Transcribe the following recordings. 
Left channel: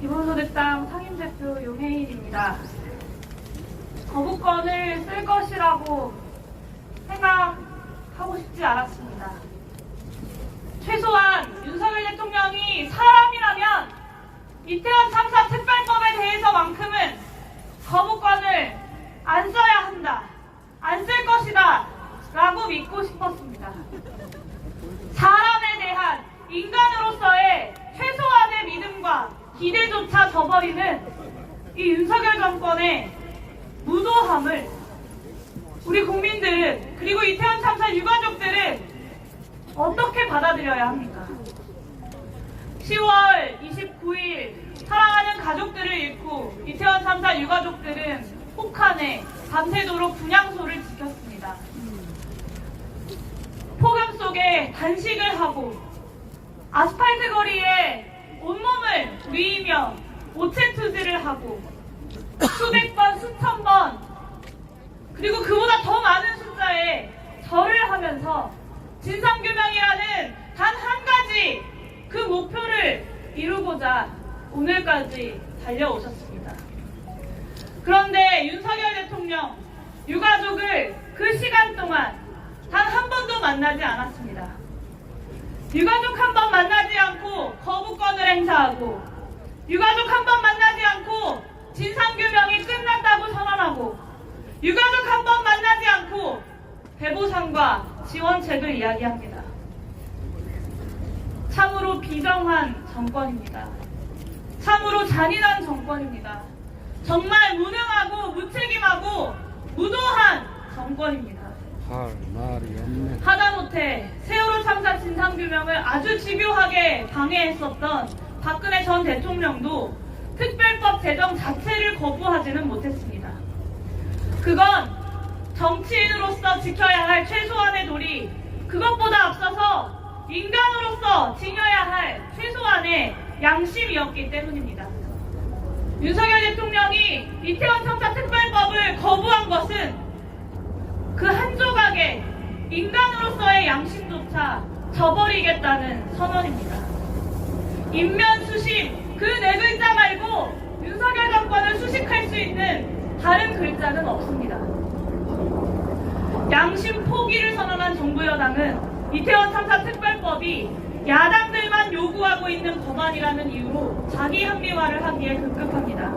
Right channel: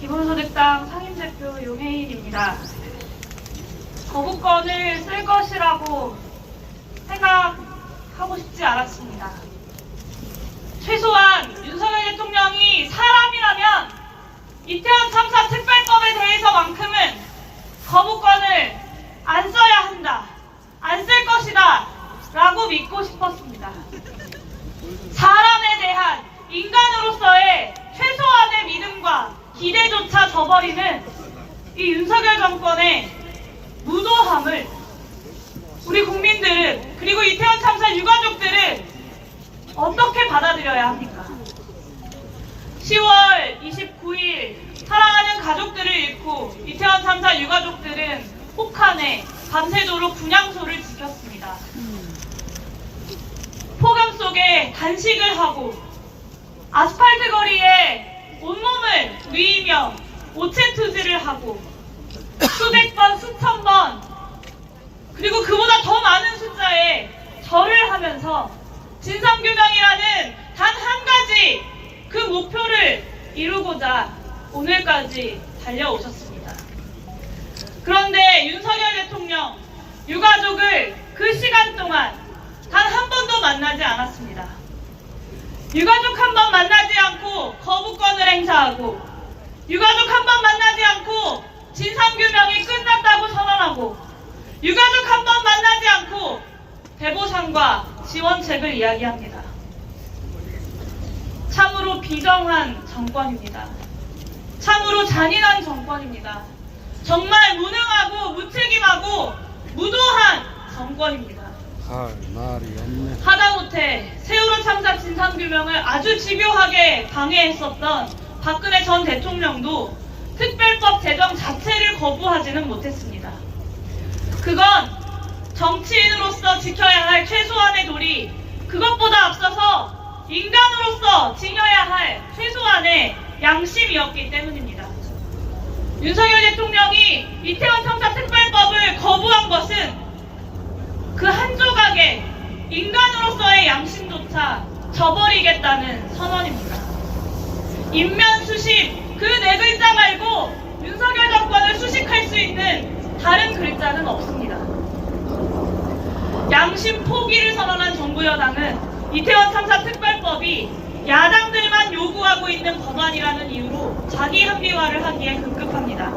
기본소득당 상임대표 용혜일입니다. 거부권을 쓸 것이라고 생각하고 싶지 않았습니다. 최소한 윤석열 대통령이 사람이라면 이태원 참사 특별법에 대해서만큼은 거부권을 안 써야 한다, 안 쓸 것이다 라고 믿고 싶었습니다. 사람에 대한 인간으로서의 최소한의 믿음과 기대조차 저버리는 이 윤석열 정권의 무도함을 우리 국민들은 그리고 이태원 참사 유가족들은 어떻게 받아들여야 합니까? 10월 29일 사랑하는 가족들을 잃고 이태원 참사 유가족들은 혹한에 밤새도록 분향소를 지켰습니다. 폭염 속에 단식을 하고 아스팔트 온몸을 누이며 오체 투지를 하고 수백 번, 수천 번 그리고 그보다 더 많은 숫자의 절을 하면서 진상규명이라는 단 한 가지 그 목표를 이루고자 오늘까지 달려오셨습니다. 그런데 윤석열 대통령 유가족을 그 시간 동안 단 한 번도 만나지 않았습니다. 유가족 한 번 만나지 않고 거부권을 행사하고 유가족 한 번 만나지 않고 진상규명이 끝났다고 선언하고 유가족 한 번 만나지 않고 대보상과 지원책을 이야기합니다. 참으로 비정한 정권입니다. 참으로 잔인한 정권입니다. 정말 무능하고 무책임하고 무도한 정권입니다. 할 말이 없네. 하다못해 세월호 참사 진상규명을 아주 집요하게 방해했었던 박근혜 전 대통령도 특별법 제정 자체를 거부하지는 못했습니다. 그건 정치인으로서 지켜야 할 최소한의 도리, 그것보다 앞서서 인간으로서 지녀야 할 최소한의 양심이었기 때문입니다. 윤석열 대통령이 이태원 참사 특별법을 거부한 것은 그 한 조각의 인간으로서의 양심조차 저버리겠다는 선언입니다. 인면수식 그 네 글자 말고 윤석열 정권을 수식할 수 있는 다른 글자는 없습니다. 양심 포기를 선언한 정부 여당은 이태원 참사 특별법이 야당들만 요구하고 있는 법안이라는 이유로 자기 합리화를 하기에 급급합니다.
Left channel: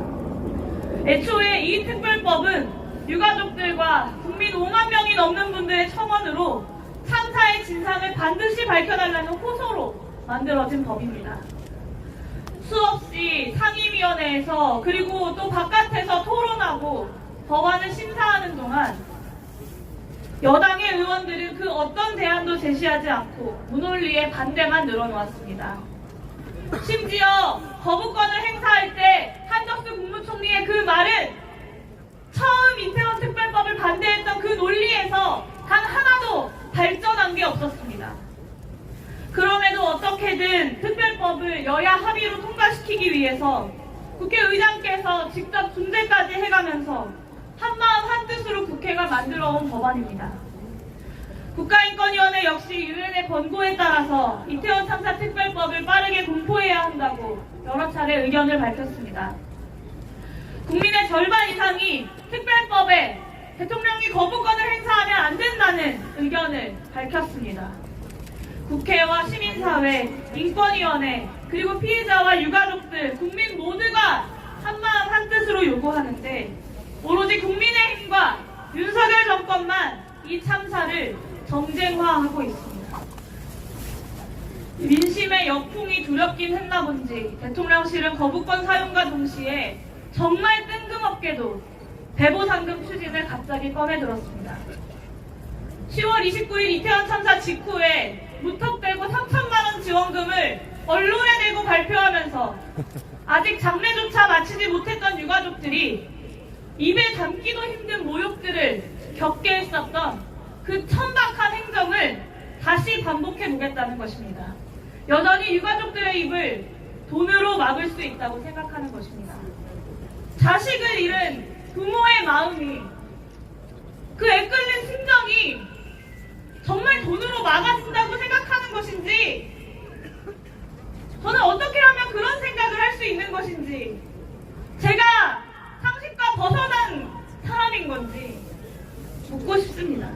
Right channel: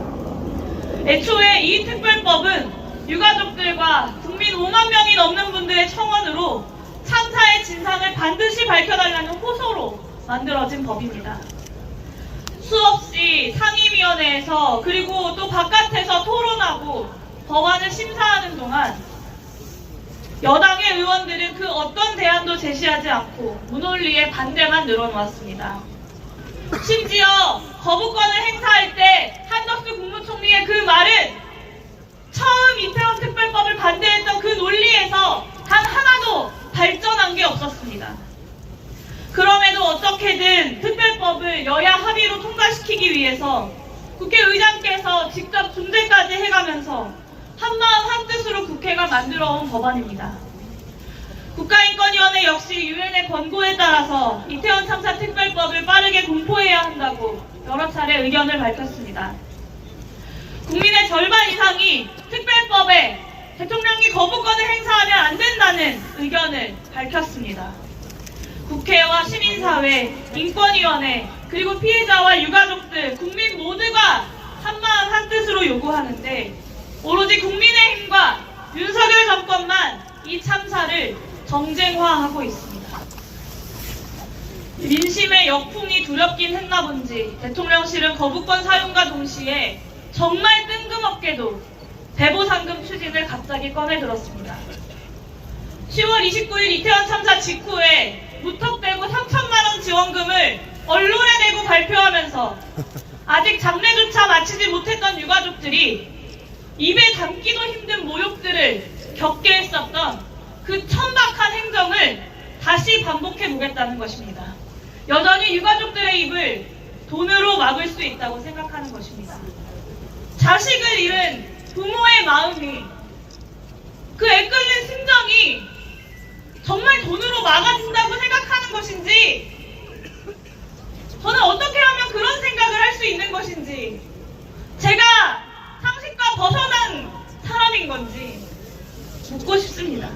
애초에 이 특별법은 유가족들과 국민 5만 명이 넘는 분들의 청원으로 참사의 진상을 반드시 밝혀달라는 호소로 만들어진 법입니다. 수없이 상임위원회에서 그리고 또 바깥에서 토론하고 법안을 심사하는 동안 여당의 의원들은 그 어떤 대안도 제시하지 않고 무논리에 반대만 늘어놓았습니다. 심지어 거부권을 행사할 때 한덕수 국무총리의 그 말은 처음 이태원 특별법을 반대했던 그 논리에서 단 하나도 발전한 게 없었습니다. 그럼에도 어떻게든 특별법을 여야 합의로 통과시키기 위해서 국회의장께서 직접 중재까지 해가면서 한마음 한뜻으로 국회가 만들어온 법안입니다. 국가인권위원회 역시 유엔의 권고에 따라서 이태원 참사 특별법을 빠르게 공포해야 한다고 여러 차례 의견을 밝혔습니다. 국민의 절반 이상이 특별법에 대통령이 거부권을 행사하면 안 된다는 의견을 밝혔습니다. 국회와 시민사회, 인권위원회, 그리고 피해자와 유가족 들, 국민 모두가 한마음 한뜻으로 요구하는데 오로지 국민의힘과 윤석열 정권만 이 참사를 정쟁화하고 있습니다. 민심의 역풍이 두렵긴 했나 본지 대통령실은 거부권 사용과 동시에 정말 뜬금없게도 대보상금 추진을 갑자기 꺼내 들었습니다. 10월 29일 이태원 참사 직후에 무턱대고 3천만 원 지원금을 언론에 대고 발표하면서 아직 장례조차 마치지 못했던 유가족들이 입에 담기도 힘든 모욕들을 겪게 했었던 그 천박한 행정을 다시 반복해 보겠다는 것입니다. 여전히 유가족들의 입을 돈으로 막을 수 있다고 생각하는 것입니다. 자식을 잃은 부모의 마음이 그 애끓는 심정이 정말 돈으로 막아진다고 생각하는 것인지 저는 어떻게 하면 그런 생각을 할 수 있는 것인지, 제가 상식과 벗어난 사람인 건지 묻고 싶습니다.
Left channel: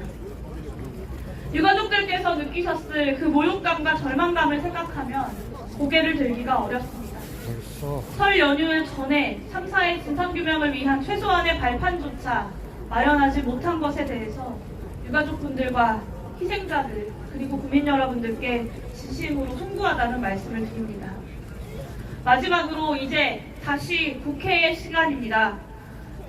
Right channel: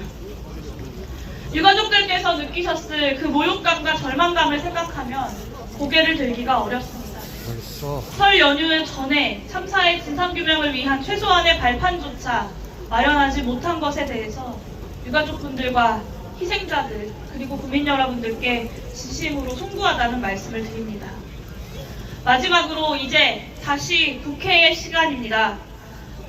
유가족들께서 느끼셨을 그 모욕감과 절망감을 생각하면 고개를 들기가 어렵습니다. 벌써 설 연휴 전에 참사의 진상규명을 위한 최소한의 발판조차 마련하지 못한 것에 대해서 유가족분들과 희생자들 그리고 국민 여러분들께 진심으로 송구하다는 말씀을 드립니다. 마지막으로 이제 다시 국회의 시간입니다.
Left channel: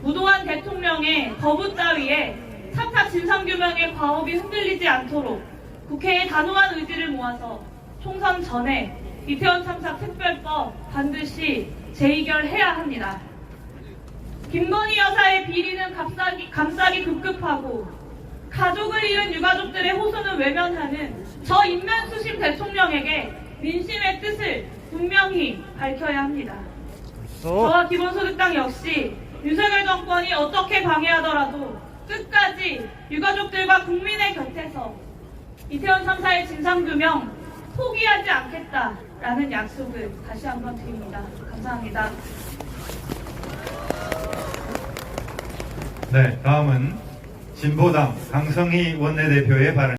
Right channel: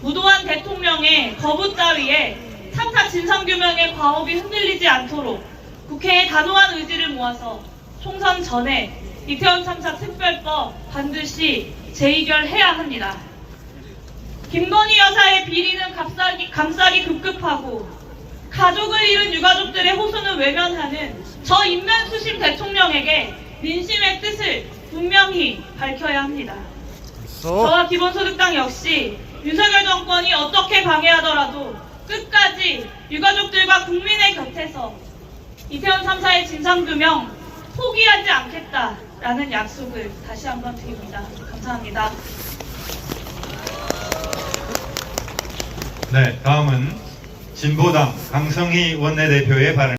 무도한 대통령의 거부 따위에 참사 진상규명의 과업이 흔들리지 않도록 국회의 단호한 의지를 모아서 총선 전에 이태원 참사 특별법 반드시 재의결해야 합니다. 김건희 여사의 비리는 감싸기, 감싸기 급급하고 가족을 잃은 유가족들의 호소는 외면하는 저 인면수심 대통령에게 민심의 뜻을 분명히 밝혀야 합니다. 저와 기본소득당 역시 윤석열 정권이 어떻게 방해하더라도 끝까지 유가족들과 국민의 곁에서 이태원 참사의 진상규명 포기하지 않겠다라는 약속을 다시 한번 드립니다. 감사합니다. 네, 다음은 진보당 강성희 원내대표의 발언.